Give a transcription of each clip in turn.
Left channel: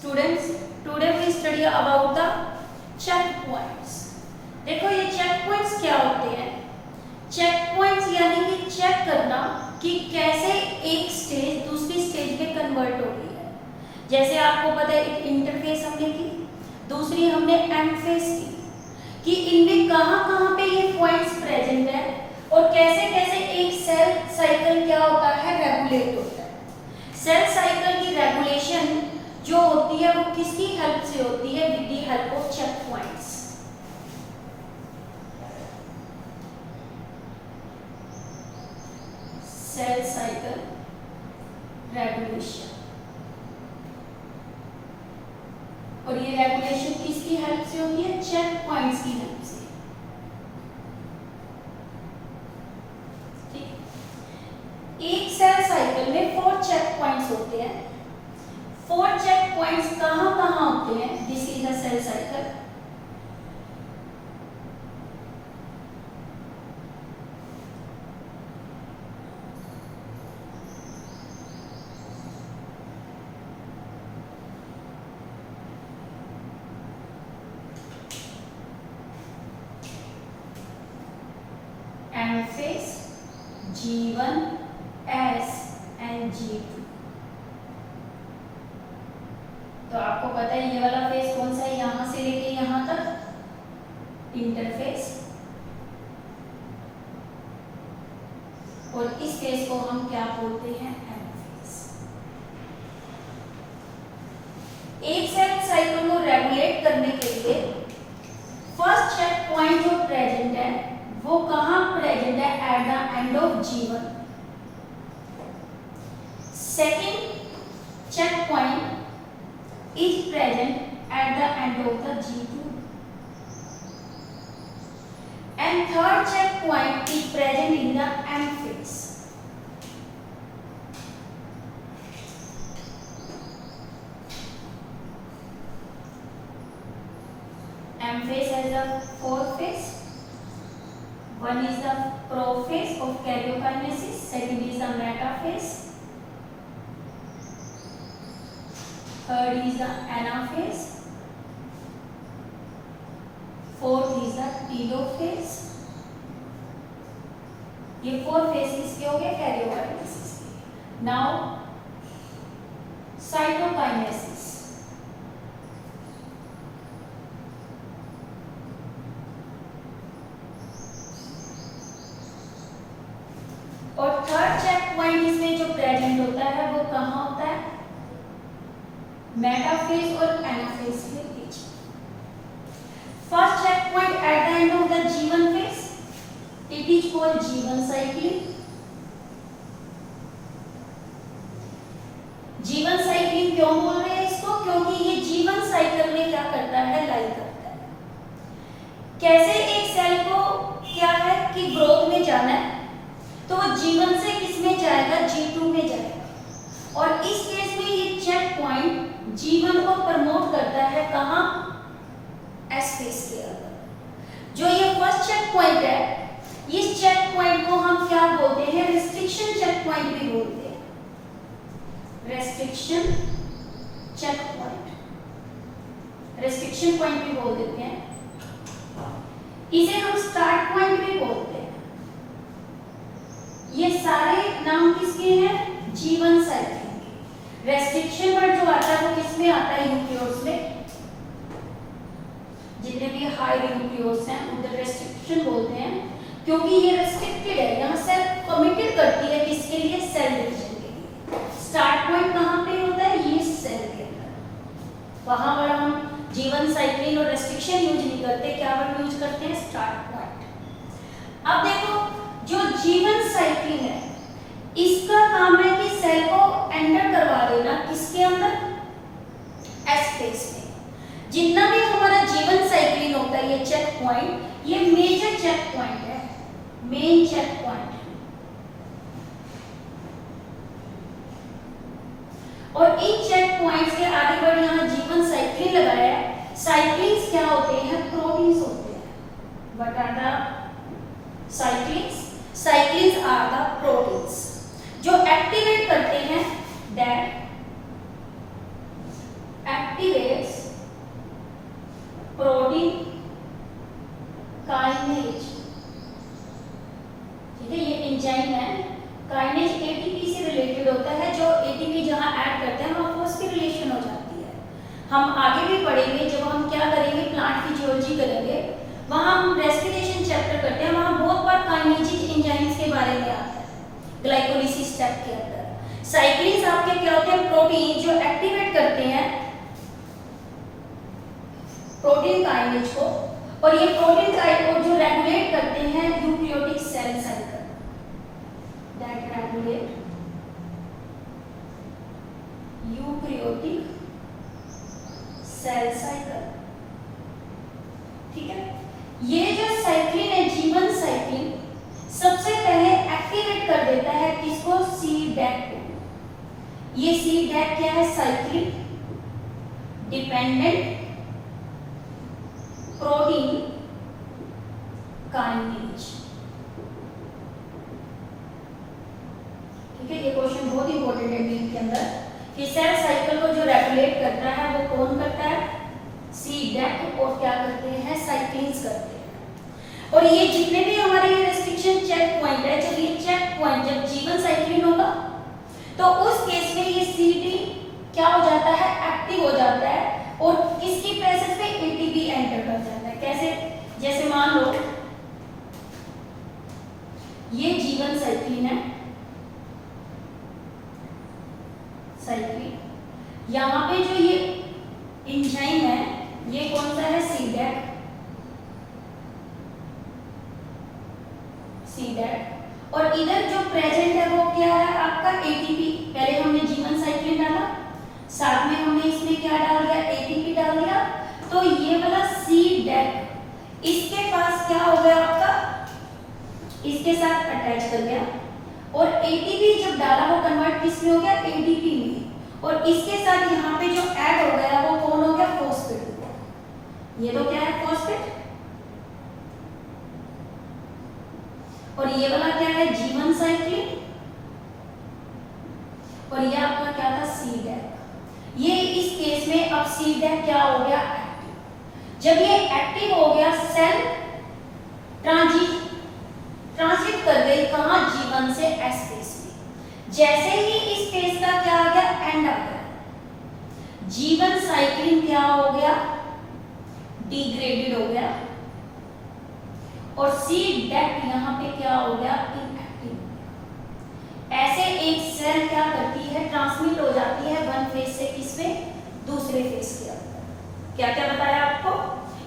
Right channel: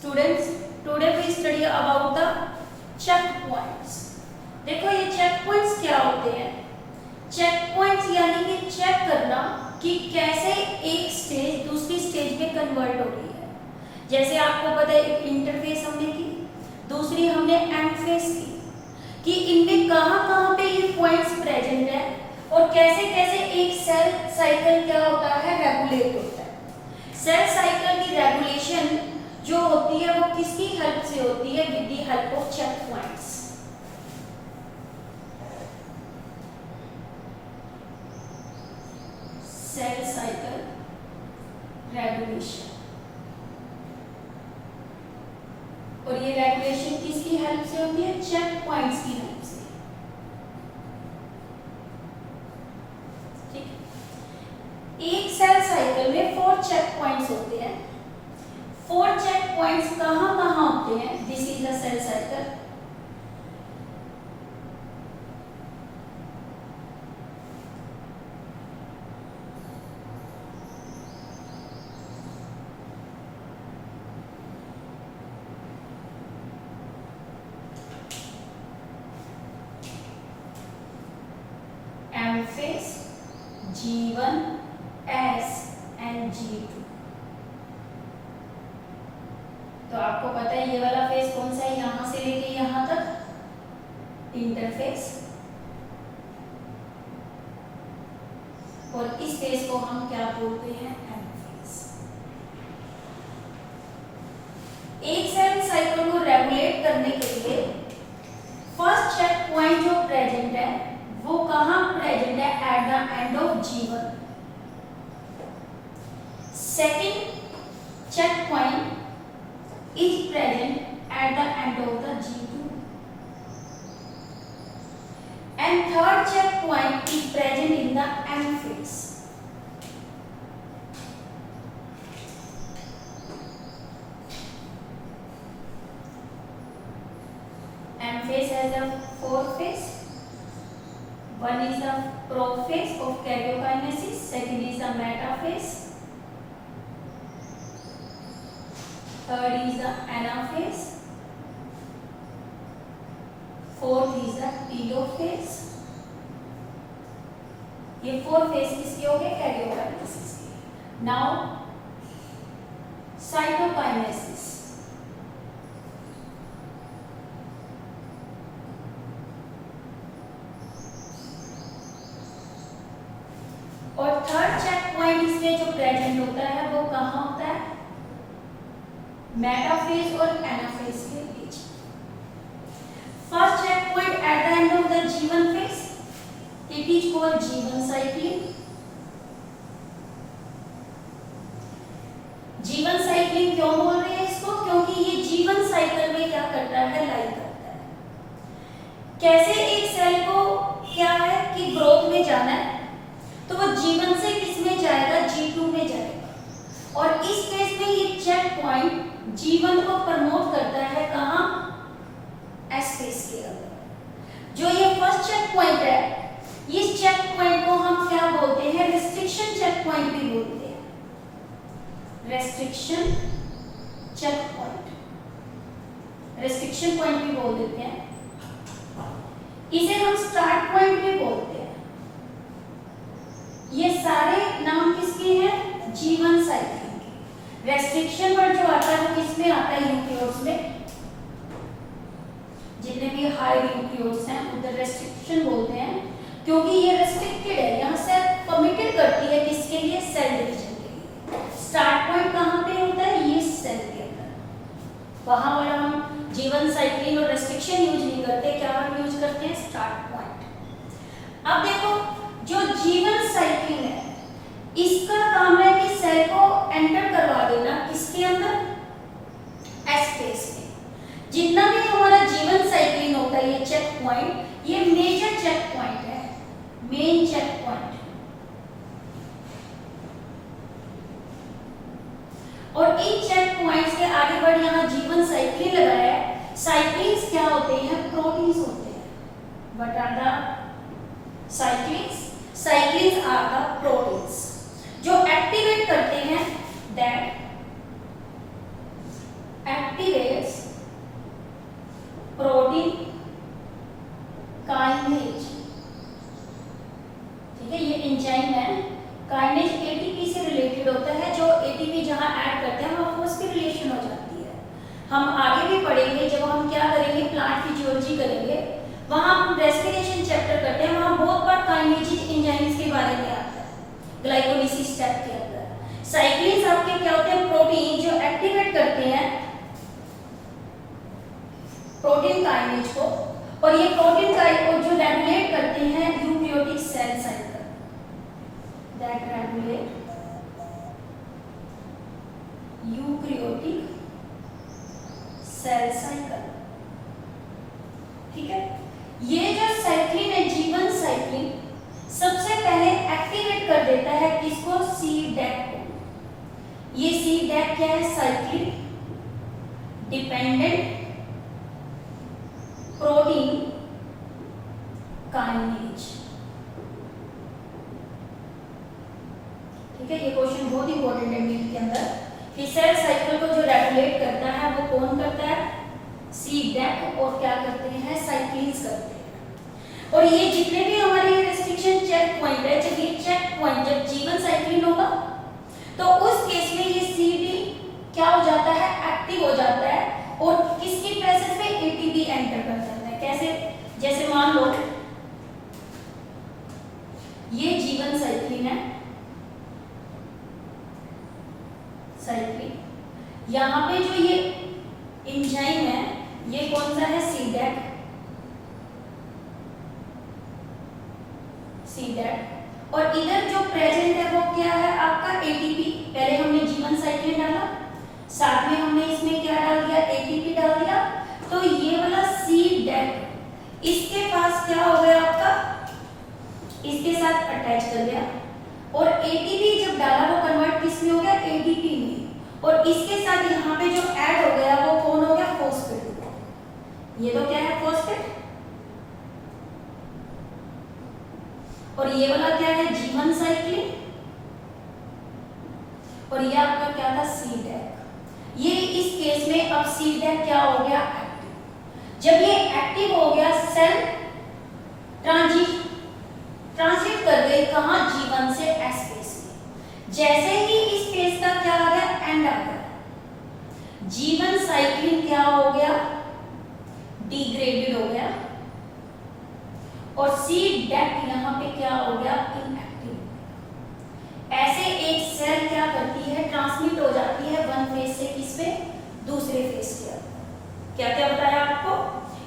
Students, today we study about the check points. देखो ये check points क्या होते हैं? चेक पॉइंट्स यानी कि चेक करना कि कैसे एक स्टेज दूसरी स्टेज में कन्वर्ट हो रही है। जैसे आपको पता है एक इंटरफेस हमने की, दूसरी हमने एंड फेस की, कि इनमें कहाँ पे ये पॉइंट्स प्रेजेंट है और कैसे कैसे एक सेल साइकिल क्या होता है, रेगुलेट होता है। सेल साइकिल की रेगुलेशन जो होती है वो किसकी हेल्प से होती है? With the help of check points. Cell cycle regulation, और ये रेगुलेशन किसकी हेल्प से होती है? चेक पॉइंट्स की हेल्प से। ठीक है, एक सेल साइकिल में 4 चेक पॉइंट्स होते हैं। 4 चेक पॉइंट्स कहाँ होते हैं? This is the cell cycle. M phase, G1, S and G2। तो आपको पता है ये वाला फेस कौन सा है? यहां से लेके यहां तक इंटरफेस, और इस फेस को हम क्या बोलते हैं? M phase. एक सेल साइकिल को रेगुलेट करने के लिए फर्स्ट चेक पॉइंट जो प्रेजेंट है वो कहां प्रेजेंट है? At the end of G1। Second check point is present at the end of the G2, and third check point is present in the M phase. M phase has the 4 phase. One is the prophase of karyokinesis, second is the metaphase, third is the anaphase, fourth is the telophase। ये 4 phase किसके हो गए? Karyokinesis के। Now cytokinesis. और third check point इसमें जो present होता है वो कहाँ होता है? मेटाफेज और एनाफेज के बीच। First check point at the end of the G1 phase, it is called G1 cyclin. G1 cyclin क्यों बोल रहे हैं इसको? क्योंकि ये G1 साइकिल में क्या करता है? लाई करता है। कैसे एक सेल को क्या है कि ग्रोथ में जाना है तो वो G1 से किस में जाएगा? G2 में जाएगा। और इस केस में ये चेक पॉइंट G1 को प्रमोट करता है कहां? S फेस के अंदर। जो ये फर्स्ट चेक पॉइंट है, इस चेक पॉइंट को हम क्या बोलते हैं? रेस्ट्रिक्शन चेक पॉइंट भी बोलते हैं। Restriction check point, restriction point भी बोल देते हैं। इसे हम स्टार्ट पॉइंट भी बोलते हैं। ये सारे नाम किसके हैं? G1 cycle. रेस्ट्रिक्शन वर्ड जो आता है वो किसमें आता है? यूकेरियोट्स में। जितने भी हाई यूकेरियोट्स हैं उधर रेस्ट्रिक्शन बोलते हैं, क्योंकि ये रेस्ट्रिक्टेड है। यहाँ सेल कमिटेड करती है किसके लिए? सेल डिवीजन के लिए। स्टार्ट पॉइंट कहाँ पे होता है? ये सेल के अंदर। वहां पर हम G1 साइक्लिंग और रेस्ट्रिक्शन यूज नहीं करते, क्या हम यूज करते हैं? Start point. अब देखो जो G1 साइक्लिंग है इसका काम है कि सेल को एंटर करवा देना किसके अंदर? S फेस में। जितना भी हमारा G1 साइक्लिंग होता है, ये चेक पॉइंट, ये मेजर चेक पॉइंट है, मेन चेक पॉइंट। और इन चेक पॉइंट्स के आगे बढ़ यहाँ G1 साइक्लिंग लगाया है। साइक्लिंग्स क्या होते हैं? प्रोटीन्स होते हैं। What are the cyclins? Cyclins are the proteins जो एक्टिवेट करते हैं दैट वहां हम रेस्पिरेशन चैप्टर करते हैं, वहां बहुत बार काइनेटिक एंजाइम्स के बारे में आता है ग्लाइकोलिसिस स्टेप के अंदर। साइक्लिन्स आपके क्या होते हैं, प्रोटीन जो एक्टिवेट करते हैं प्रोटीन काइनेज को, और ये प्रोटीन काइनेज को जो रेगुलेट करते हैं eukaryotic cell cycle, that regulate eukaryotic cell cycle. ठीक है, ये जो साइक्लिन है जीवन साइक्लिन सबसे पहले एक्टिवेट कर देता है किसको, C-DAC को। ये C-DAC क्या है, साइक्लिन डिपेंडेंट प्रोटीन काइनेज। ठीक है, ये क्वेश्चन बहुत इंपॉर्टेंट है नीट के अंदर कि सेल साइकिल को जो रेगुलेट करता है वो कौन करता है, C-DAC, और क्या करते हैं, साइक्लिन्स करते हैं। और ये जितने भी हमारे रेस्ट्रिक्शन चेक पॉइंट है, जब ये चेक पॉइंट जब जीवन साइक्लिन होगा तो उस केस में ये CD क्या हो जाता है, एक्टिव हो जाता है, और किसकी प्रेजेंस में ATP एंटर कर जाता है। कैसे, जैसे मान लो ये जीवन साइक्लिन है, साइक्लिन, यहाँ पे जो ये एंजाइम है ये कौन सा है, C-DAC, और इधर जो प्रेजेंट है वो क्या है आपका ATP। पहले हमने जीवन साइक्लिन डाला, साथ में हमने इसमें क्या डाल दिया, ATP डाल दिया, तो ये वाला C-DAC इसके पास क्या हो गया आपका, इसके साथ अटैच कर गया, और ATP जब डाला वो कन्वर्ट किस में हो गया, ADP में, और इसके साथ यहाँ पे जो ऐड हो गया वो कौन हो गया, फॉस्फेट हो गया। ये तो क्या है, फॉस्फेट, और ये वाला क्या है, जीवन साइक्लिन, और ये आपका क्या था, C-DAC। ये इस केस में अब C-DAC क्या हो गया, एक्टिव। जब ये एक्टिव हो गया सेल ट्रांजिट कर गई कहां, जीवन से S फेस में। जैसे ही इस फेस का क्या आ गया, एंड आ गया, जीवन साइक्लिन क्या हो गया, डिग्रेडेड हो गया, और C-DAC यहाँ पे क्या हो गया, इनएक्टिव हो गया। ऐसे एक सेल क्या करती है, ट्रांसमिट हो जाती है वन फेज से किस पे, दूसरे फेज के अंदर। क्या क्या बताया आपको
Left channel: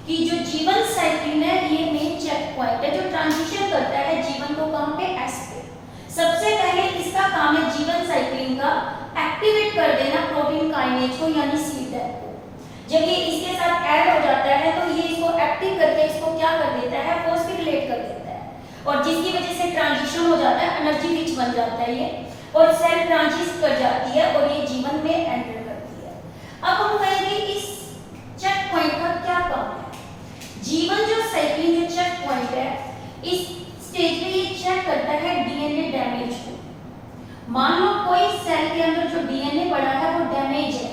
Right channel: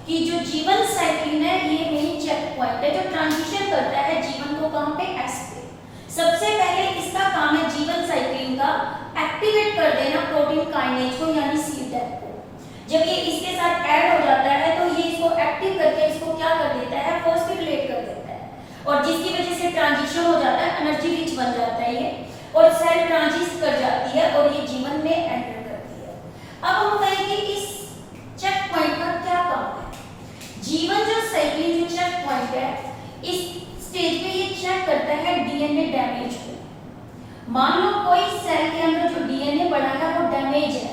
कि जो जीवन साइक्लिन है ये मेन चेक पॉइंट है जो ट्रांजिशन करता है जीवन को कहां पे, S पे। सबसे पहले इसका काम है जीवन साइक्लिन का एक्टिवेट कर देना प्रोटीन काइनेज को, यानी C-DAC को। जब ये इसके साथ ऐड हो जाता है तो ये इसको एक्टिव करके इसको क्या कर देता है, फॉस्फोरिलेट कर देता है, और जिसकी वजह से ट्रांजिशन हो जाता है, एनर्जी रिच बन जाता है ये, और सेल ट्रांजिट कर जाती है और ये जीवन में एंटर करती है। अब हम कहेंगे इस चेक पॉइंट का क्या काम है। जीवन जो साइक्लिन जो चेक पॉइंट है, इस स्टेज पे ये चेक करता है DNA डैमेज को। मान लो कोई सेल के अंदर जो DNA पड़ा है वो डैमेज है,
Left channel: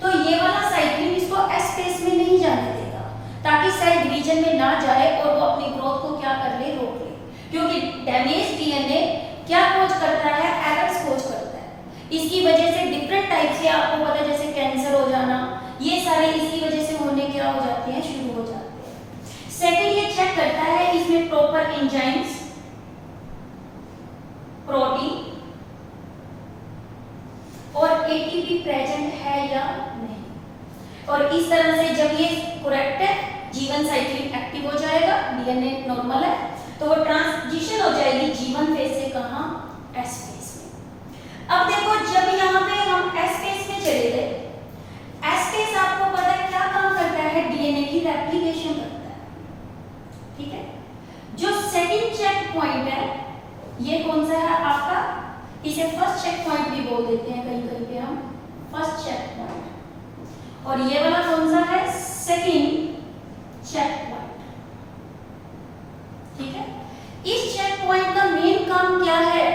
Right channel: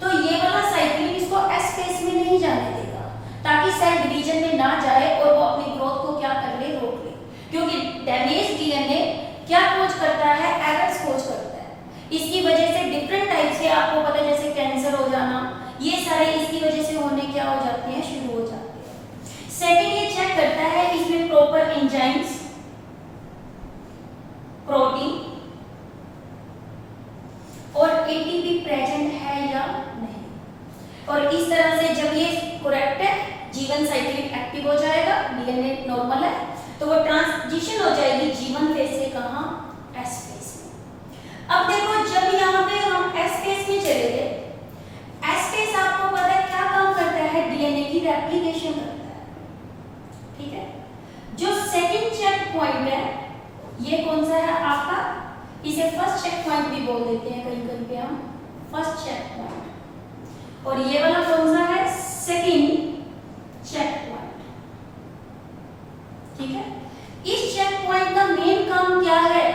तो ये वाला साइक्लिन इसको S फेस में नहीं जाने देगा, ताकि सेल डिवीजन में ना जाए और वो अपनी ग्रोथ को क्या कर ले, रोक ले। क्योंकि डैमेज DNA क्या कोज करता है, एरर्स कोज करता है। इसकी वजह से डिफरेंट टाइप से आपको पता है, जैसे कैंसर हो जाना, ये सारे इसकी वजह से होने क्या हो जाते हैं, शुरू हो जाते हैं। सेकंड ये चेक करता है इसमें प्रॉपर एंजाइम्स, प्रोटीन और ATP प्रेजेंट है या नहीं, और इस तरह से जब ये करेक्ट है, जीवन साइक्लिन एक्टिव हो जाएगा, DNA नॉर्मल है, तो वो ट्रांजिशन हो जाएगी जीवन फेज से कहां, S फेज में। अब देखो जब यहाँ पे हम S फेज में चले गए, S फेज आपको पता है क्या काम करता है, DNA की रेप्लिकेशन करता है। ठीक है, जो सेकंड चेक पॉइंट है ये कौन सा है आपका, इसे फर्स्ट चेक पॉइंट भी बोल देते हैं कहीं कहीं पे हम, फर्स्ट चेक पॉइंट, और ये वाला कौन सा है, सेकंड चेक पॉइंट। ठीक है, इस चेक पॉइंट का मेन काम क्या है,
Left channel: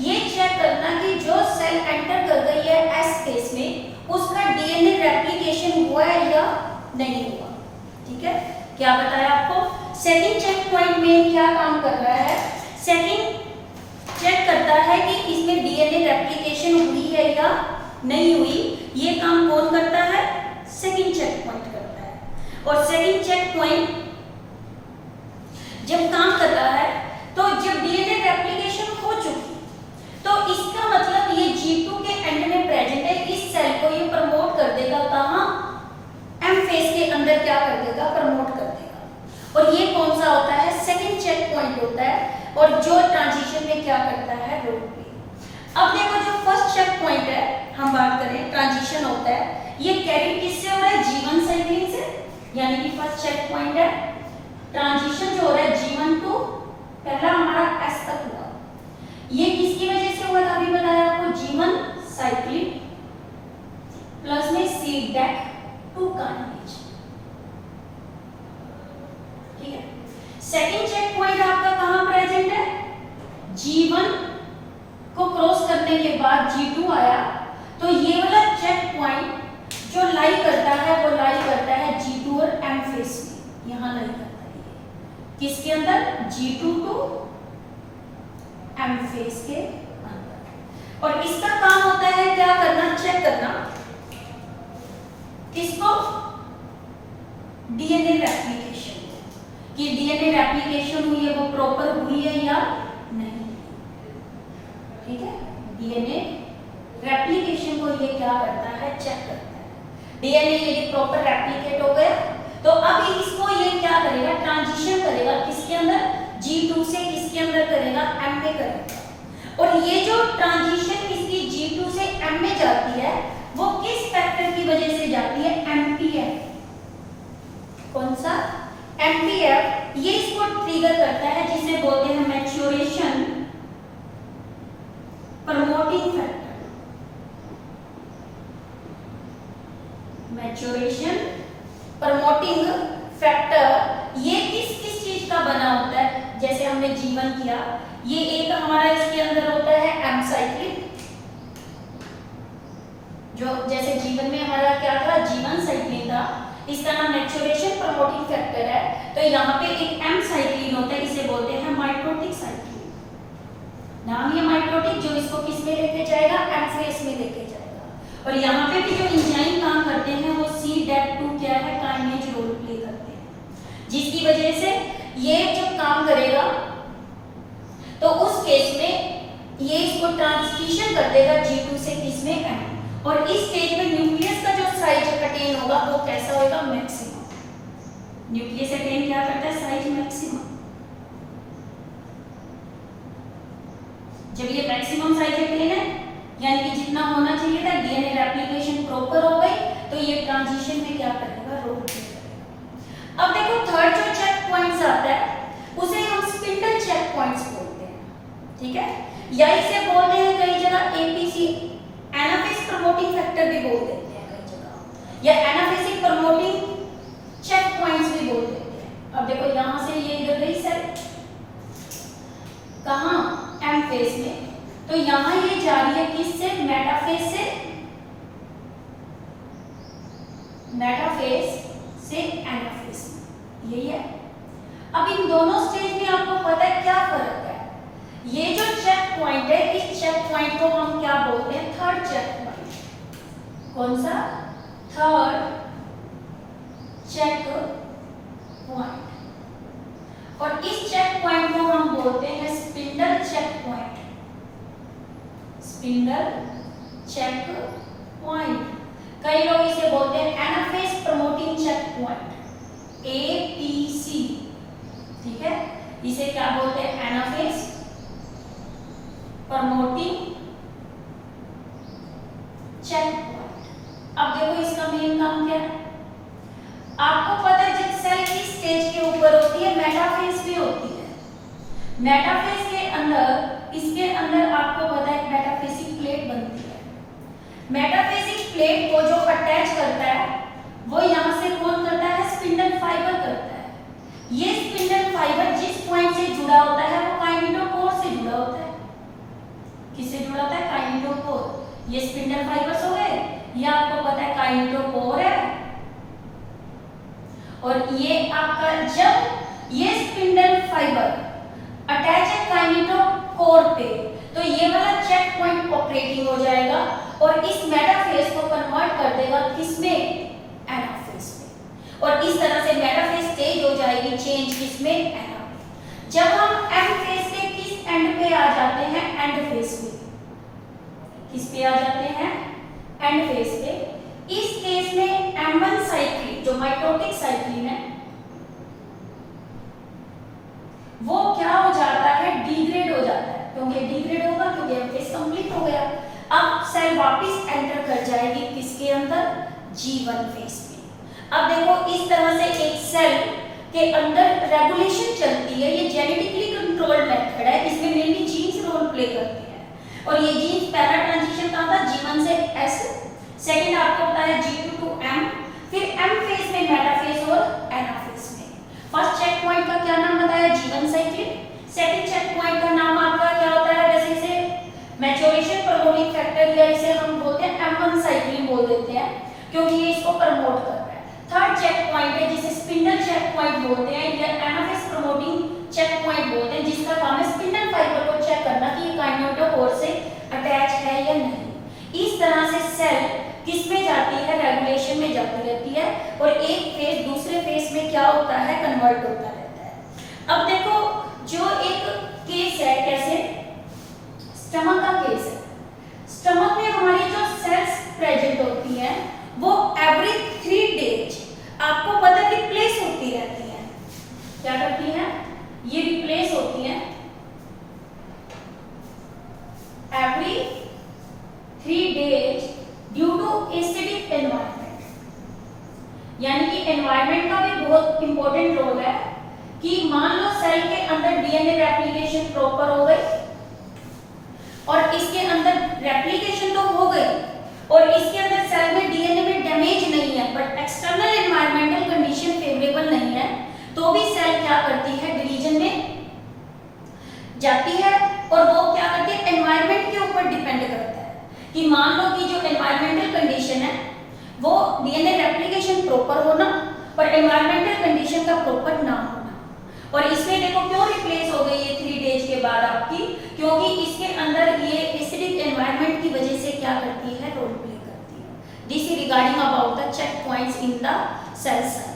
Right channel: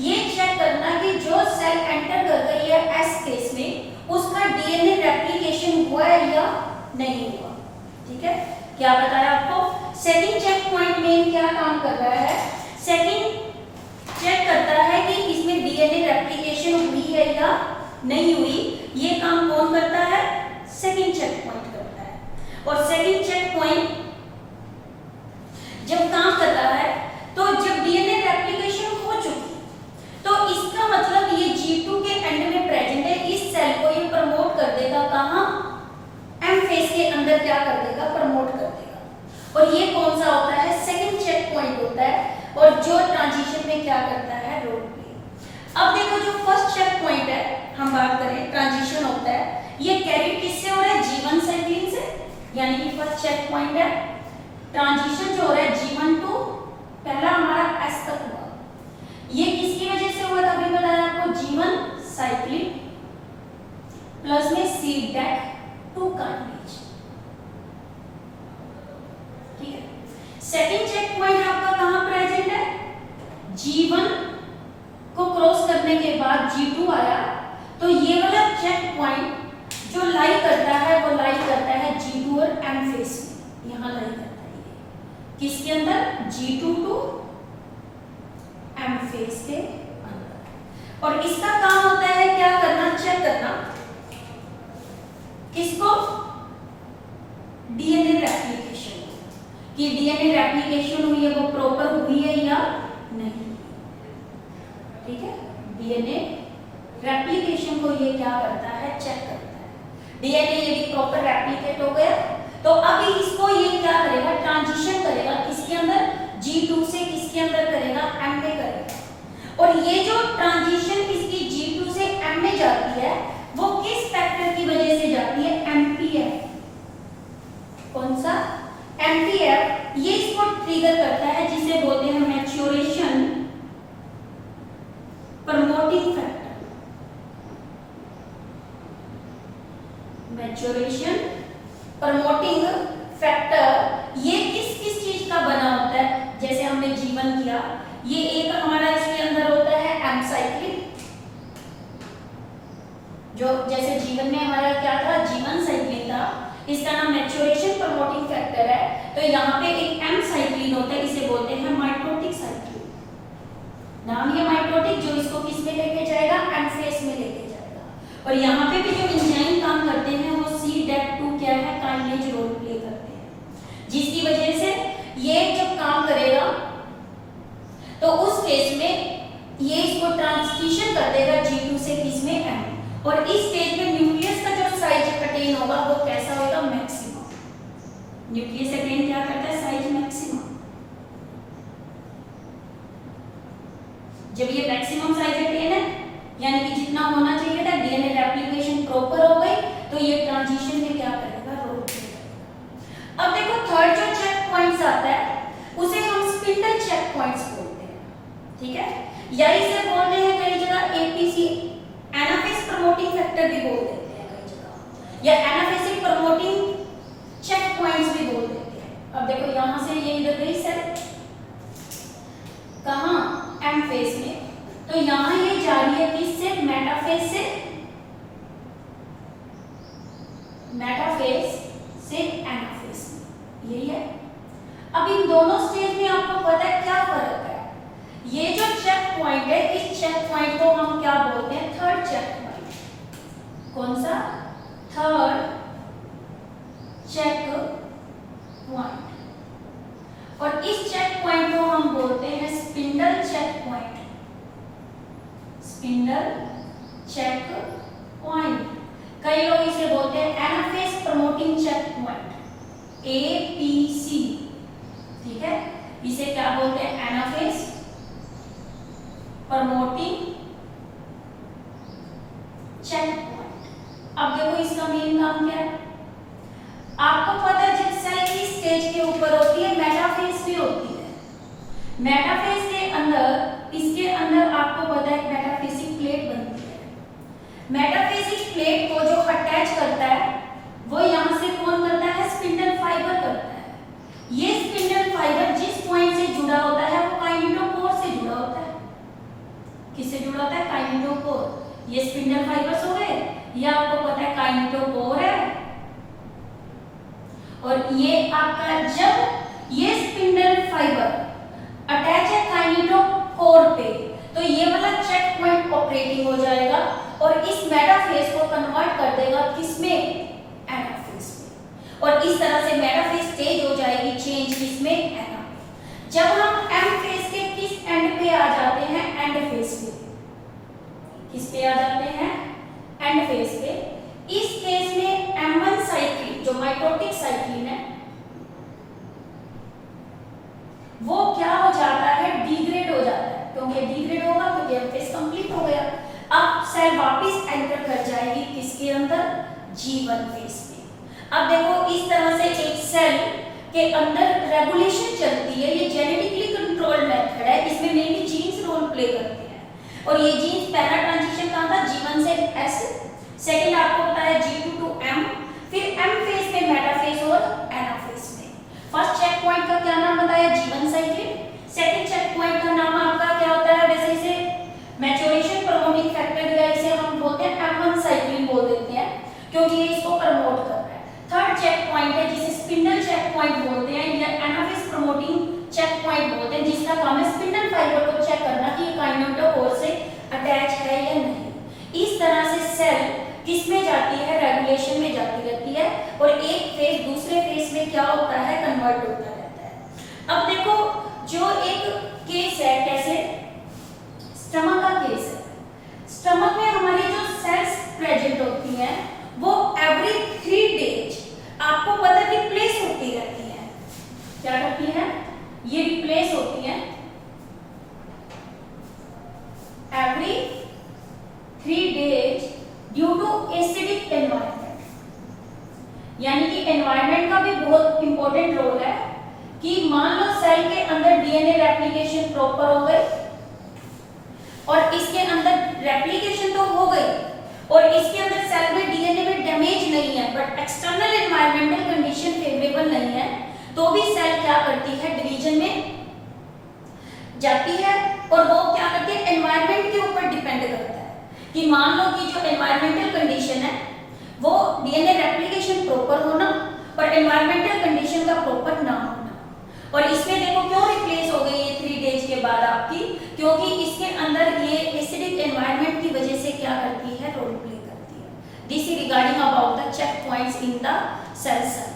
ये चेक करना कि जो सेल एंटर कर गई है S फेज में उसका DNA रेप्लिकेशन हुआ है या नहीं हुआ। ठीक है, क्या बताया आपको, सेकंड चेक पॉइंट में क्या काम कर रहा है, सेकंड चेक करता है कि इसमें DNA रेप्लिकेशन हुई है या नहीं हुई। ये काम कौन करता है, सेकंड चेक पॉइंट करता है। और सेकंड चेक पॉइंट और ये कौन सा होता है, सेकंड चेक पॉइंट होता है, और जो ट्रांजिशन में क्या करता है, रोल प्ले। अब देखो जो फर्स्ट चेक पॉइंट है, हम बात करें ट्रांजिशन होता है, ये कैरी किससे हो रहा है, G1 साइक्लिन से, यानी कि फर्स्ट चेक पॉइंट है ट्रांजिशन जो हो रहा है G1 टू पहला हमारा S तक हुआ, ये किसकी वजह से हुआ था, अभी बताया आपको, G1 साइक्लिन प्लस में CDAC2 काइनेज, ठीक है। सेकंड चेक पॉइंट आपका कहां प्रेजेंट है, G1 को क्रॉस करने के बाद G2 आया, तो ये वाला चेक पॉइंट जो लाई करता है वो लाई करता है G2 और M फेस में, यहां लाई करता है ये किसके अंदर, G2 टू M फेस के अंदर, और इसका काम होता है क्या करना, चेक करना किसको, डीएनए रेप्लिकेशन, कि डीएनए रेप्लिकेशन हुई है वो प्रॉपर हुई है या नहीं, ठीक है। डीएनए रेप्लिकेशन को ये क्या करता है, चेक करता है, डीएनए यदि प्रॉपर रेप्लिकेट हो गया तो अभी इसको ये क्या करेगा, ट्रांजिशन करेगा किसके अंदर, G2 से किसके अंदर करेगा, M में करेगा, और ये जो ट्रांजिशन इसकी G2 से M में जाती है वो किस फैक्टर की वजह से जाती है, MPF, कौन सा, MPF, ये इसको ट्रिगर करता है जिसे बोलते हैं maturation promoting factor, maturation promoting factor, ये किस किस चीज का बना होता है, जैसे हमने G1 किया, ये एक हमारा इसके अंदर होता है M साइक्लिन, जो जैसे G1 में हमारा क्या था, G1 साइक्लिन था, इसका नाम मैच्योरेशन प्रमोटिंग फैक्टर है, तो यहाँ पे एक M साइक्लिन होता है, इसे बोलते हैं माइटोटिक साइक्लिन, नाम ये माइटोटिक, जो इसको किस में लेके जाएगा, M फेस में लेके जाएगा, और यहाँ पे भी जो एंजाइम काम करते हैं वो CDAC2 क्या है, काइनेज रोल प्ले करते हैं, जिसकी वजह से ये जब काम करेगा तो उस केस में ये इसको ट्रांसलेशन कर देगा G2 से किसमें, M, और इस स्टेज में न्यूक्लियस का जो साइज अटेन होगा वो कैसा होगा, मैक्सिमम, न्यूक्लियस अटेन क्या करता है, साइज मैक्सिमम, जब ये मैक्सिमम साइज अटेन है, यानी कि जितना होना चाहिए था, डीएनए रेप्लिकेशन प्रॉपर हो गई, तो ये ट्रांजिशन में क्या करेगा, रोल प्ले करेगा। अब देखो थर्ड जो चेक पॉइंट्स आता है उसे हम स्पिंडल चेक पॉइंट्स बोलते हैं, ठीक है, या इसे बोलते हैं कई जगह APC, एनाफेज प्रमोटिंग फैक्टर भी बोल देते हैं कई जगह, या एनाफेसिक प्रमोटिंग चेक पॉइंट्स भी बोल देते हैं। अब देखो यहां से ये इधर गई सेल कहां, M फेस में, तो यहां ये जा रही है किससे, मेटाफेज से, मेटाफेज से एनाफेज, यही है। अब इन दोनों स्टेज में आपको पता है क्या फर्क है, ये जो चेक पॉइंट है, इस चेक पॉइंट को हम क्या बोलते हैं, थर्ड चेक पॉइंट, कौन सा, थर्ड चेक पॉइंट, और इस चेक पॉइंट को हम बोलते हैं spindle check point, spindle check point, कई लोग इसे बोलते हैं anaphase promoting check point, APC, ठीक है, इसे क्या बोलते हैं, एनाफेज प्रमोटिंग चेक पॉइंट। अब देखो इसका मेन काम क्या है, आपको पता है जब सेल की स्टेज के ऊपर होती है मेटाफेज भी होती है, मेटाफेज के अंदर, इसके अंदर आपको पता है मेटाफेसिक प्लेट बनती है, मेटाफेसिक प्लेट को जो अटैच करता है वो यहां से कौन करता है, स्पिंडल फाइबर करता है, ये स्पिंडल फाइबर जिस पॉइंट से जुड़ा होता है वो काइनेटोकोर से जुड़ा होता है, किससे जुड़ा होता है, काइनेटोकोर, ये स्पिंडल फाइबर्स हो गए, ये आपको पता है काइनेटोकोर है, और ये आपका जब ये स्पिंडल फाइबर अटैच है काइनेटोकोर पे, तो ये वाला चेक पॉइंट ऑपरेटिंग हो जाएगा और इस मेटाफेज को कन्वर्ट कर देगा किसमें, एनाफेज में, और इस तरह से मेटाफेज स्टेज हो जाएगी चेंज किसमें, एनाफेज। जब हम एम फेज के किस एंड पे आ जाते हैं, एंड फेज पे, किस पे आ जाते हैं, एंड फेज पे, इस केस में M1 साइक्लिन जो माइटोटिक साइक्लिन है, G1 फेज में। अब देखो इस तरह से एक सेल के अंदर रेगुलेशन चलती है, ये जेनेटिकली कंट्रोल्ड मेथड है, इसमें मेनली जीन्स रोल प्ले करते हैं। और ये जीन्स पहला ट्रांजिशन कहाँ था, G1 से S, सेकंड आपको पता है G2 टू M, फिर M फेज में मेटाफेज और एनाफेज में। फर्स्ट चेक पॉइंट का क्या नाम बताया, G1 cycle. Second check point का नाम आपका क्या होता है, वैसे इसे मैच्योरेशन प्रमोटिंग फैक्टर या इसे हम बोलते हैं M1 साइकिल बोल देते हैं, क्योंकि ये इसको प्रमोट कर रहा है। थर्ड चेक पॉइंट है जिसे स्पिंडल चेक पॉइंट बोलते हैं या एनाफेज प्रमोटिंग चेक पॉइंट बोलते हैं, जिसका काम है स्पिंडल फाइबर को चेक करना कि ये काइनेटोकोर से अटैच है या नहीं। इस तरह से सेल किस में जाती है, रेगुलेशन में जाती रहती है, और एक फेज दूसरे फेज में क्या होता है, कन्वर्ट होता रहता है। अब देखो जो एक केस है, कैसे, स्टमक का केस है। स्टमक में हमारी जो सेल्स प्रेजेंट होती हैं वो एवरी 3 डेज आपको पता रिप्लेस होती रहती है। क्या करती है, ये रिप्लेस होती है every 3 days due to acidic environment. यानी कि एनवायरनमेंट का भी बहुत इंपॉर्टेंट रोल है कि मान लो सेल के अंदर डीएनए रेप्लिकेशन प्रॉपर हो गई और इसके अंदर रेप्लिकेशन तो हो गई और इसके अंदर सेल में डीएनए में डैमेज नहीं है, but external environmental condition favourable नहीं है, तो भी सेल क्या करती है, डिवीजन में जाती है। और वो क्या करती है, एनवायरनमेंट के ऊपर डिपेंड करता है कि मान लो कि जो एनवायरमेंटल कंडीशन है वो डीएनए रेप्लिकेशन प्रॉपर होना और एनवायरमेंटल कंडीशन का प्रॉपर ना होना। और इसमें देखो क्यों रिप्लेस हो गई ये 3 डेज के बाद आपकी, क्योंकि इसके अंदर ये एसिडिक एनवायरनमेंट की वजह से क्या करती है, रोल प्ले करती है। This is regarding about the check points in the cell cycle.